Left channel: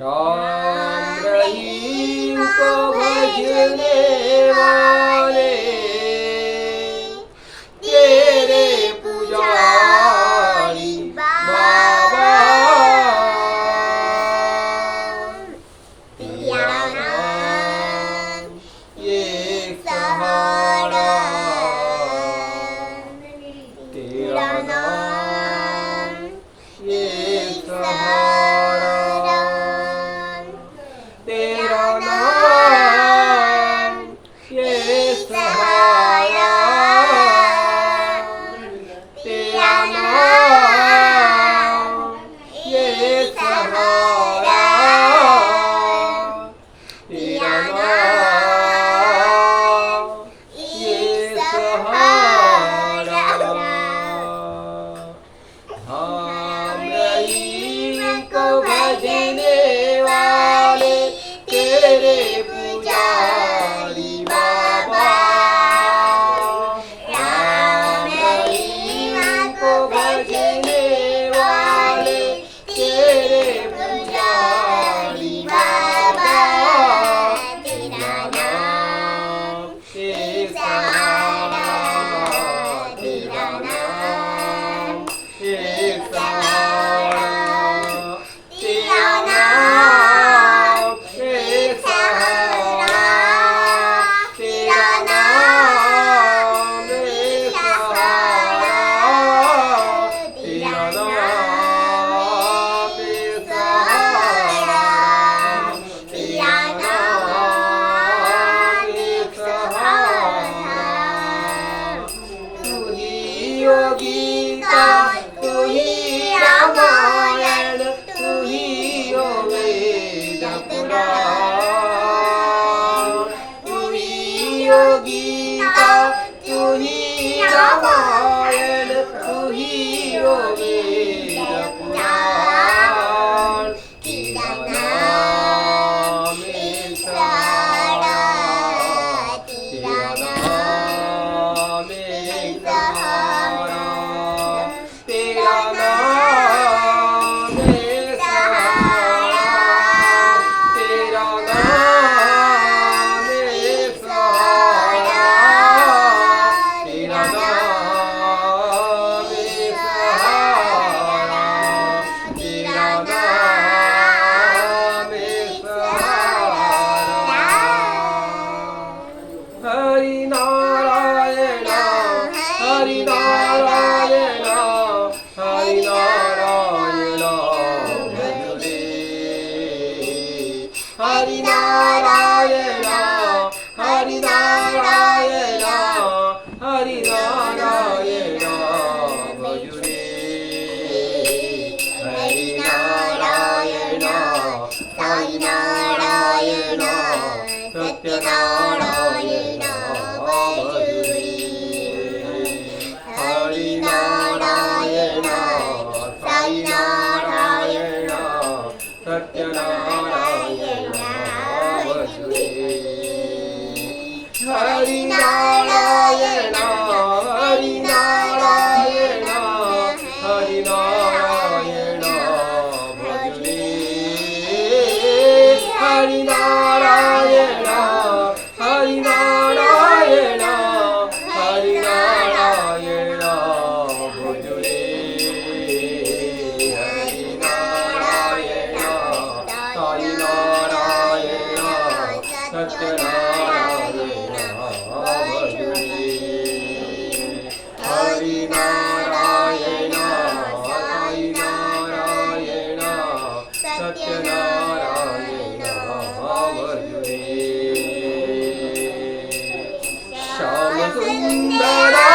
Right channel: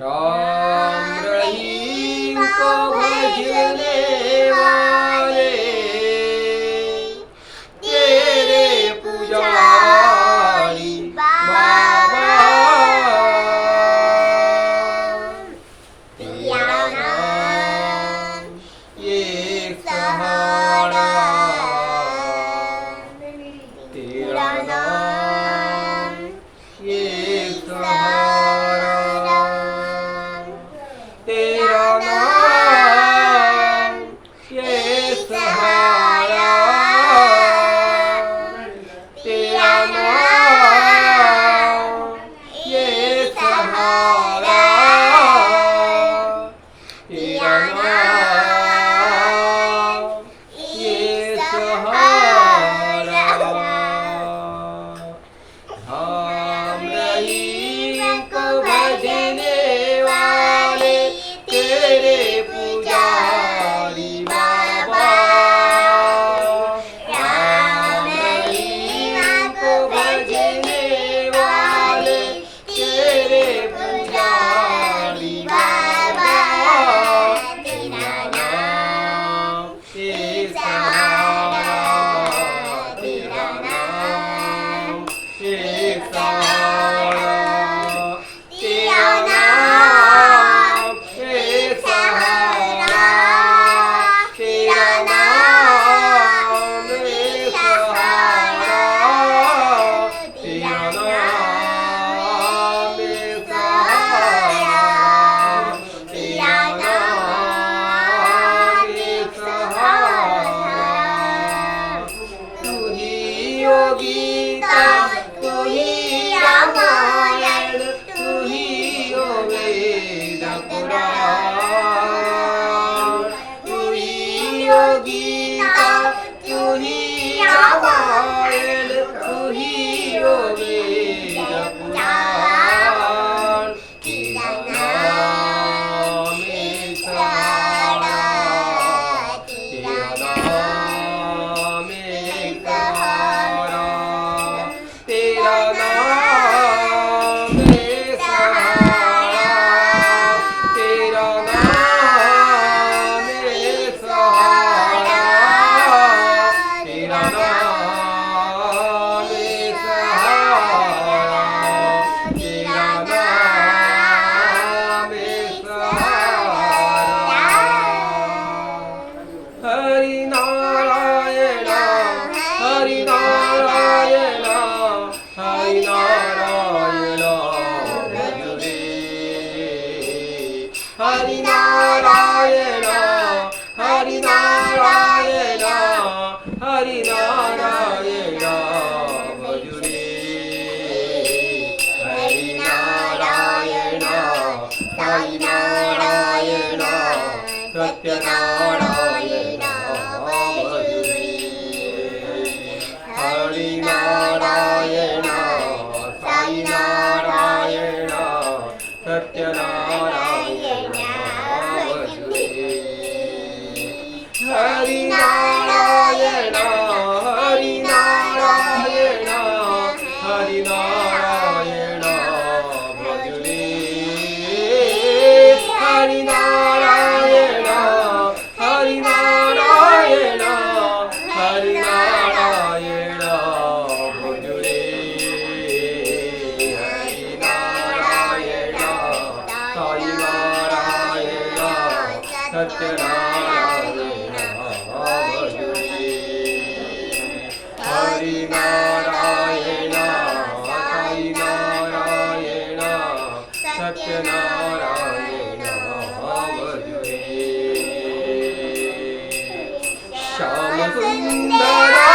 राम रहीम को भजने वाले तेरे पुजारी बाबा, तेरा नाम ये सहारा, तेरा नाम ये सहारा, तेरा नाम ये सहारा, तेरा नाम ये सहारा, तेरा नाम ये सहारा। हम रहीम को भजने वाले तेरे पुजारी बाबा, राम रहीम को भजने वाले तेरे पुजारी बाबा, तेरा नाम ये सहारा, तेरा नाम ये सहारा, तेरा नाम ये सहारा, तेरा नाम ये सहारा, तेरा नाम ये सहारा, तेरा नाम ये सहारा। तू ही योगिता, तू ही रामायण, तू ही ओ वेद पुराण, तू ही योगिता, तू ही रामायण, तू ही ओ वेद पुराण, तेरा नाम ये सहारा, तेरा नाम ये सहारा, तेरा नाम ये सहारा, तेरा नाम ये सहारा, तेरा नाम ये सहारा, तेरा नाम ये सहारा। हरि नारायण, हरि नारायण, हरि नारायण भज रे, हरि नारायण, हरि नारायण, हरि नारायण भज रे, हरि नारायण, साई नारायण, सत्यनारायण भज रे, हरि नारायण, साई नारायण, सत्यनारायण भज रे, हरि नारायण, हरि नारायण, हरि नारायण भज रे, हरि नारायण, हरि नारायण, हरि नारायण भज रे, हरि नारायण, साई नारायण, सत्यनारायण भज रे, हरि नारायण, साई नारायण, सत्यनारायण भज रे। श्याम सुंदरा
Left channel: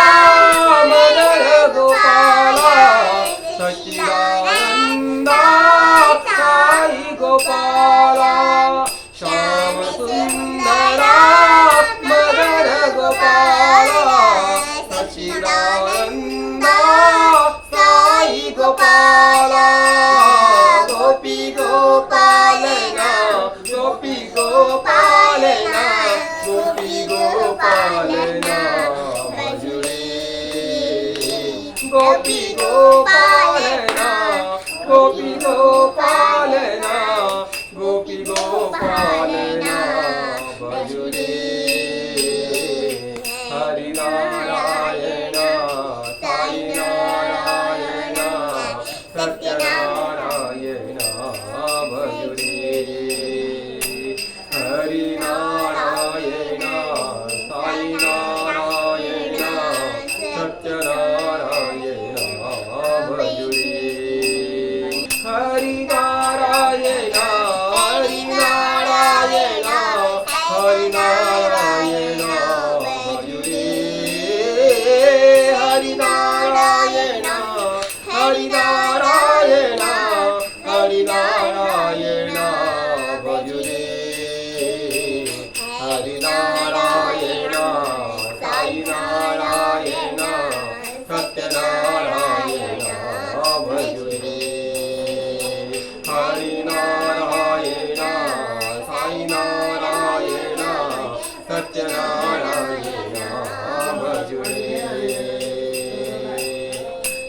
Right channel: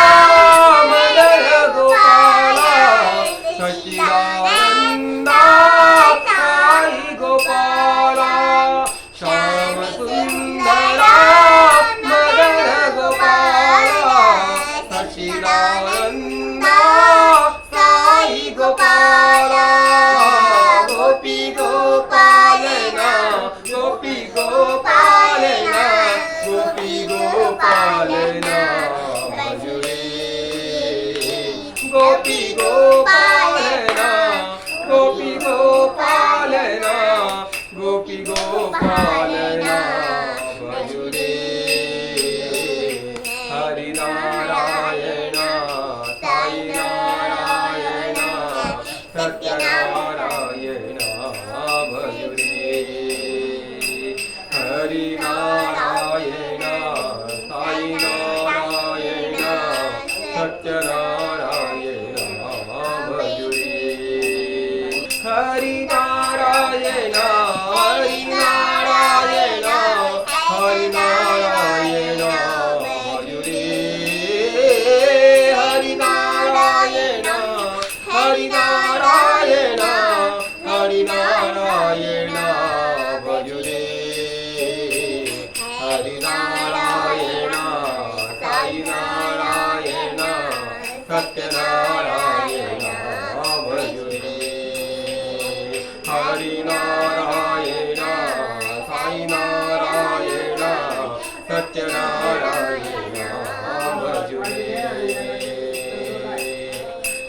मदन गोपाला, सच्चिदानंदा साई गोपाला, श्याम सुंदरा मदन गोपाला, सच्चिदानंदा साई गोपाला, गोपी गोपालना, गोपी गोपालना, गोपी गोपालना भज रे, गोपी गोपालना, गोपी गोपालना, गोपी गोपालना भजू रे हरी नारायण साई नारायण सत्यनारायण भजू रे हरी नारायण साई नारायण सत्यनारायण भजू रे हरी नारायण हरी नारायण हरी नारायण भजू रे हरी नारायण हरी नारायण हरी नारायण भजू रे हरी नारायण साई नारायण सत्यनारायण भजू रे हरी नारायण साई नारायण सत्यनारायण भजू रे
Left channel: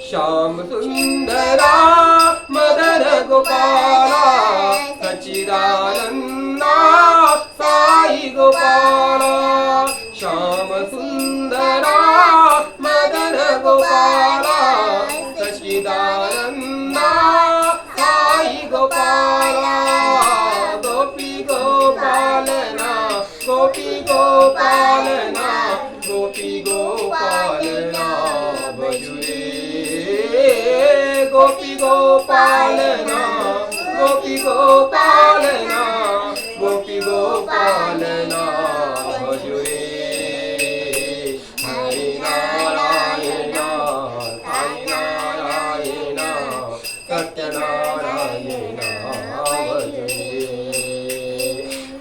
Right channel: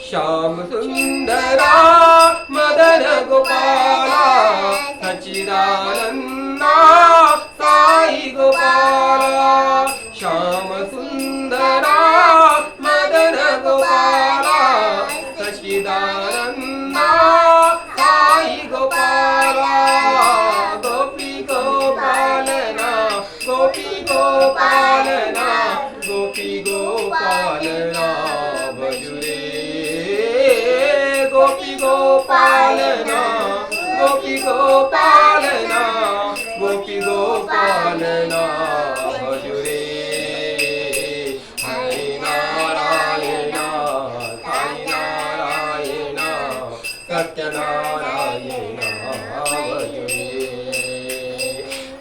श्याम सुंदरा मदन गोपाला सच्चिदानंदा साई गोपाला श्याम सुंदरा मदन गोपाला सच्चिदानंदा साई गोपाला गोपी गोपालना गोपी गोपालना गोपी गोपालना भजू रे गोपी गोपालना गोपी गोपालना गोपी गोपालना भजू रे हरी नारायण साई नारायण सत्यनारायण भजू रे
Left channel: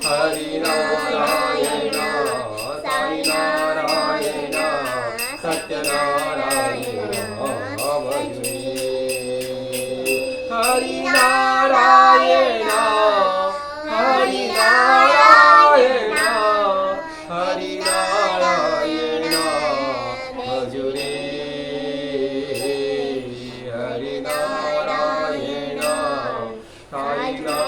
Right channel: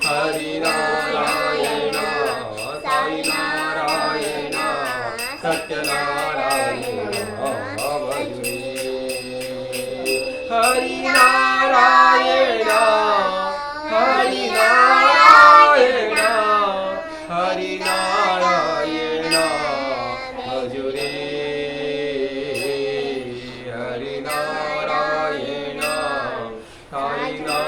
हरी नारायण साई नारायण सत्यनारायण भजू रे हरि नारायण हरि नारायण हरि नारायण भजू रे हरि नारायण साई नारायण